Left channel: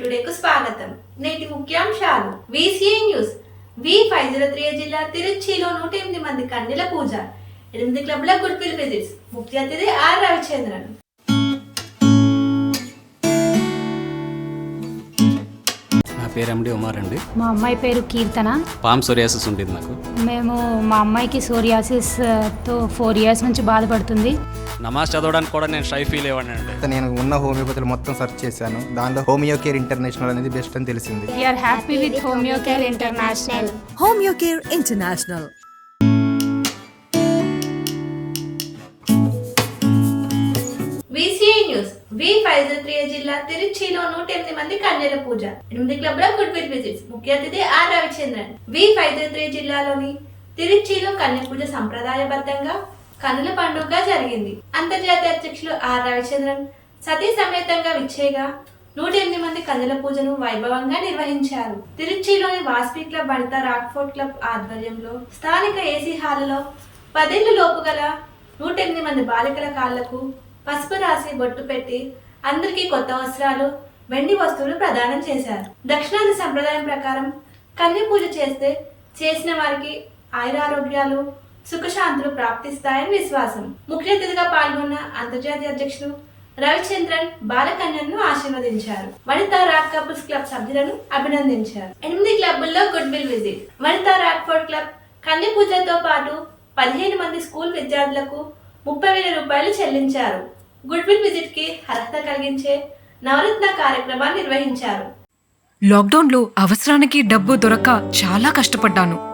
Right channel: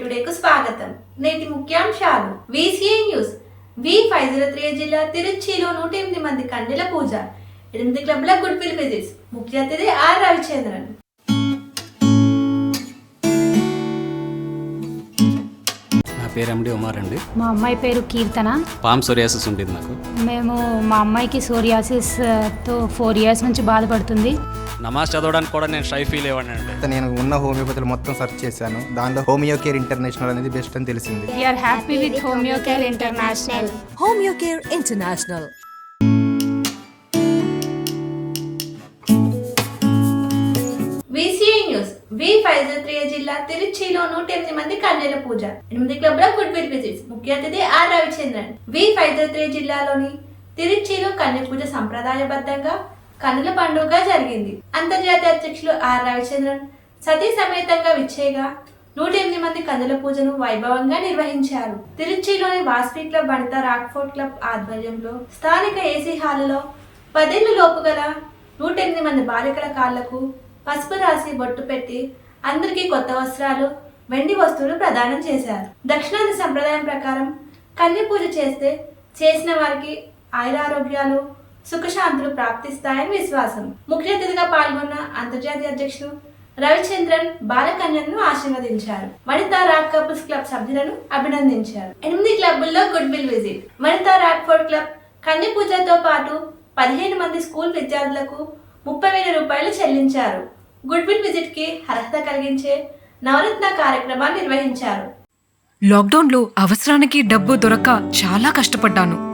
టుడేకు స్వాగతం. నేటి ముఖ్యాంశాలు. VCI news. V five zero three జిల్లా తిరుచిలో నూట ఎనిమిది మంది కన్నెల పూజ. ఎనిమిది క్లబ్ల గుడ్ విల్ విజిట్స్. ముఖ్య అతిథి ఆర్ రవిచంద్రన్. పేరు ఎండి ఉమార్ అండి. మా అమ్మాయి పేరు కీర్తన. పామ్ సోరియాసిస్ ఉంటుంది నాకు మేము మా అమ్మాయికి సోరియాసిస్తో ఫోర్ ఇయర్స్ నుంచి బాధపడుతుంది. నమాజ్ చదవడానికి కూడా నేను షై ఫీల్ అయ్యాను అండి. నేను ఉన్న హోమియోపతిలో మొత్తం సెర్చ్ చేశాను. దానిలో హోమియో కేర్ ఇంటర్నేషనల్ అనేది బెస్ట్ అని తెలిసింది. We are happy with homeo care international International. VCI news V జిల్లా తిరుచిలో నూట ఎనిమిది మంది కన్యల పూజ. ఎనిమిది క్లబ్ల గుడ్ విల్ విజిట్స్. ముఖ్య అతిథి ఆర్ రవిచంద్రన్. వి త్రీ జిల్లాలోని తిరుచిలో కన్య పూజ సంప్రదాయబద్ధంగా కన్నుల పండుగ జరిగింది. అంతర్జాతీయ అధ్యక్షులు ఆర్ రవిచంద్రన్ సతీ సమేతంగా విచ్చేగా నూట ఎనిమిది మంది కన్నుల పూజను వైభవంగా నిర్వహించారు. తిరుచిలోని వాస్పీ క్లబ్ వనిత రాక్ఫోర్ట్ క్లబ్ ఆధ్వర్యంలో స్థానిక ఏసీ హాలులో పదేళ్ళ లోపు గల నూట ఎనిమిది మంది బాలికల కాళ్ళకు పసుపు రాసి బొట్టు పెట్టి అందరికీ కొత్త వస్త్రాలు వెండి వస్తువులు ప్రదానం చేశారు. దక్షిణాది సంప్రదాయం ప్రకారం కన్య పూజ చేస్తే చేసిన వారికి ఆయురారోగ్యాలు సుఖశాంతులు ప్రాప్తిస్తాయని విశ్వాసం. ముఖ్య అతిథిగా పాల్గొన్న అంతర్జాతీయ అధ్యక్షుడు రవిచంద్రన్ బాలకన్యను ఆశీర్వదించారు. వనితా రాక్ కపుల్స్ క్లబ్ సభ్యులను అభినందించారు. ఎనిమిది క్లబ్బుల్లో good will visit. Vanitha Rockford club కంది పూజతో పాటు పదిహేను మంది స్కూల్ విద్యార్థులకు ముప్పై వేల రూపాయలు చెల్లించారు. గుడ్ విల్ విజిట్కి అర్హత కలిగించే నవరత్న కార్యక్రమాన్ని నిర్వహించారు. లాక్డౌన్లో అవసరానికి డబ్బు దొరక చాలా కష్టపడ్డాను.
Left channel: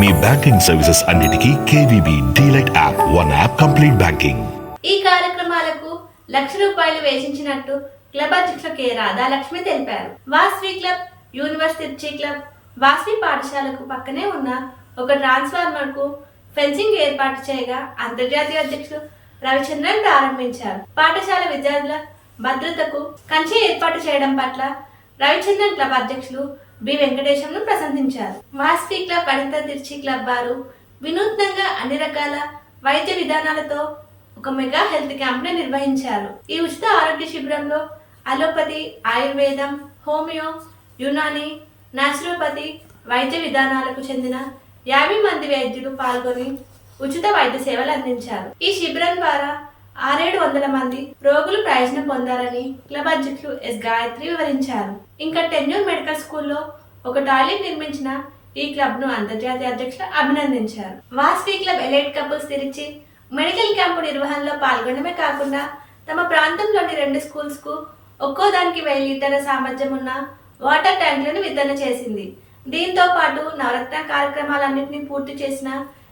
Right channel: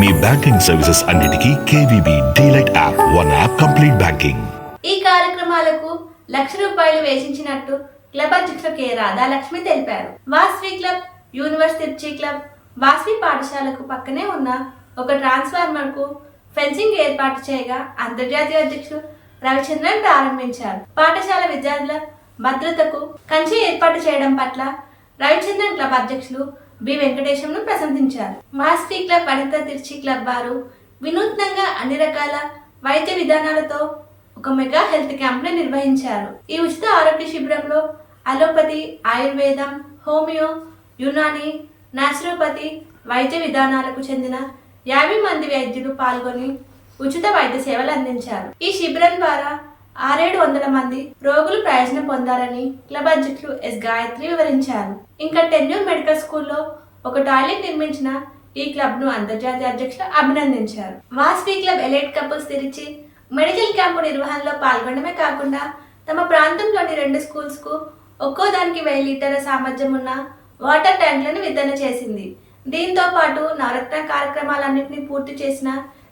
మీ బ్యాంకింగ్ సర్వీసెస్ అన్నిటికీ KVB DLite app. One app complete banking ఈ కార్యక్రమాలకు లక్ష రూపాయలు వేసించినట్టు క్లబ్ అధ్యక్షులు కె. రాధాలక్ష్మి తెలిపారు. Vasavi club universe Trichy club Vasavi పాఠశాలకు పక్కనే ఉన్న ఒక ట్రాన్స్ఫార్మర్కు ఫెన్సింగ్ ఏర్పాటు చేయగా అంతర్జాతీయ అధ్యక్షులు రవిచంద్రన్ ప్రారంభించారు. పాఠశాల విద్యార్థుల భద్రతకు కంచె ఏర్పాటు చేయడం పట్ల రవిచంద్రన్ క్లబ్ అధ్యక్షులు బి వెంకటేశంను ప్రశంసించారు. వాస్వి క్లబ్ అనంత తిర్చి క్లబ్ వారు వినూత్నంగా అన్ని రకాల వైద్య విధానాలతో ఒక మెగా హెల్త్ క్యాంప్ను నిర్వహించారు. ఈ ఉచిత ఆరోగ్య శిబిరంలో అలోపతి ఆయుర్వేదం హోమియో యునాని నాచురోపతి వైద్య విధానాలకు చెందిన యాభై మంది వైద్యులు పాల్గొని ఉచిత వైద్య సేవలు అందించారు. ఈ శిబిరం ద్వారా ఆరేడు వందల మంది రోగులు ప్రయోజనం పొందారని క్లబ్ అధ్యక్షులు ఎస్ గాయత్రి వివరించారు. ఇంకా టెన్యూర్ మెడికల్ స్కూల్లో ఒక టాయిలెట్ నిర్మించిన ఈ క్లబ్ను అంతర్జాతీయ అధ్యక్షులు అభినందించారు. వాస్వి క్లబ్ ఎలైట్ కపుల్స్ తెరిచి మెడికల్ క్యాంపు నిర్వహణలో పాల్గొనడమే కాకుండా తమ ప్రాంతంలోని రెండు స్కూల్స్కు ఒక్కో దానికి వెయ్యి లీటర్ల సామర్థ్యం ఉన్న వాటర్ ట్యాంకులను వితరణ చేసింది. దీంతో పాటు నవరత్న కార్యక్రమాలన్నింటినీ పూర్తి చేసిన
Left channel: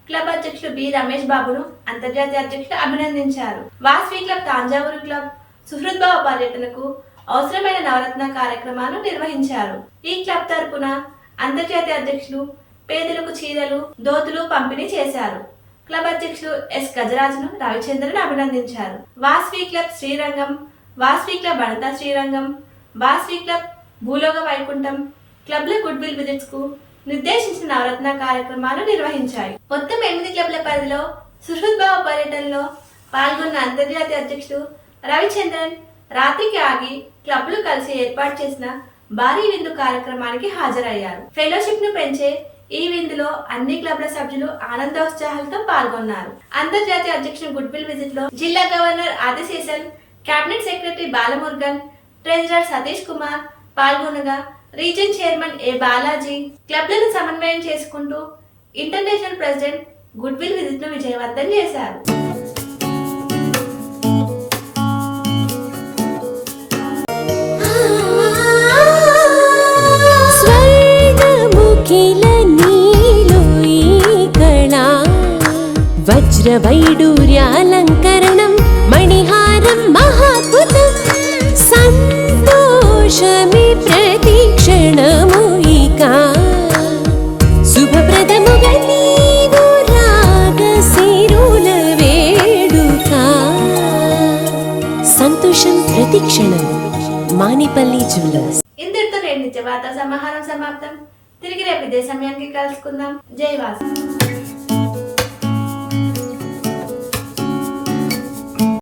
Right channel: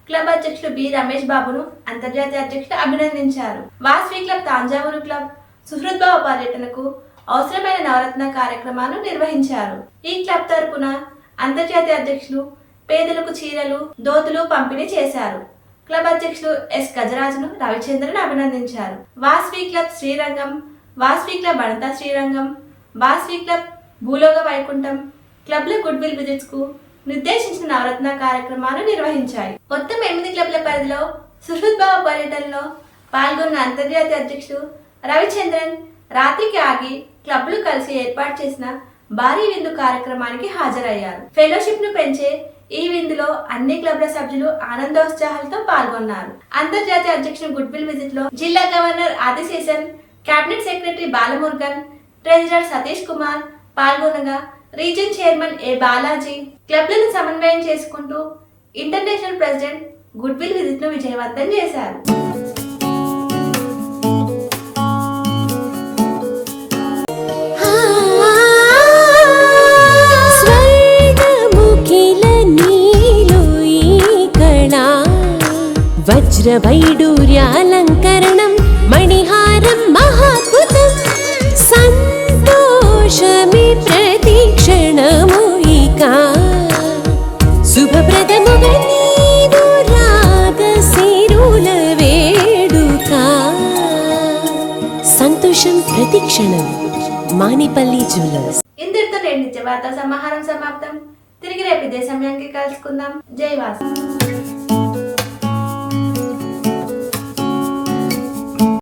క్లబ్ అధ్యక్షుడు బి రమేష్ బాబును అంతర్జాతీయ అధ్యక్షులు అభినందించారు. వాస్వి క్లబ్ తాంజావూరు క్లబ్ సుహృద్భావ పర్యటనకు అవసరమైన నవరత్న కార్యక్రమాలు నిర్వహించారు. ఈ క్లబ్ తరపున అంతర్జాతీయ అధ్యక్షులు పేదలకు చీరలు దోతులు పంపిణీ చేశారు. క్లబ్ అధ్యక్షులు ఎస్ గజరాజును రవిచంద్రను అభినందించారు. Vasavi club Srirangam Vasavi club Anantha Srirangam Vasavi club Bhuloka Vaikuntham క్లబ్ల good will విజిట్స్కు నిర్దేశించిన నవరత్న కార్యక్రమాలు నిర్వహించాయి. మొత్తం ఎనిమిది క్లబ్ల పరిధిలో సుహృద్భావ పర్యటనలో పాల్గొన్న అంతర్జాతీయ అధ్యక్షుడు రవిచంద్రన్ రాత్రికి ఆగి క్లబ్లు కలిసి ఏర్పాటు చేసిన భారీ విందు కార్యక్రమానికి హాజరయ్యారు. ఫెలోషిప్ను పెంచే ఈ విందులో అన్ని క్లబ్ల సభ్యులు ఆనందోత్సాహాలతో పాల్గొన్నారు. అంతర్జాతీయ అధ్యక్షుడు గుడ్బిల్ విజిట్లో జిల్లా governor Adiseshan cabinet secretary Balamurugan treasurer Satish Kumar పాల్గొనగా region chairman A Balaji. క్లబ్లను సమన్వయం చేసుకుంటూ ఇంటర్నేషనల్ ప్రెసిడెంట్ గుడ్ విల్ విజిట్ను విజయవంతం చేశారు స్వర్ణముఖిల వజ్ర వైడూర్యాలంకరణం మణిహారం మహాద్భుతం సంతోషమి ప్రతి క్షణము ఇక. శుభప్రదముగా నీవు రాగశిరుల వేడుక. సంతోషం ప్రతిక్షణం మానిపల్లి జ్యువెలర్స్. ఇంతటితో నేటి నిత్య వార్తా సమాహారం సమాప్తం. తిరిగి రేపు ఇదే సమయానికి కలుసుకుందాం. జై వాసు.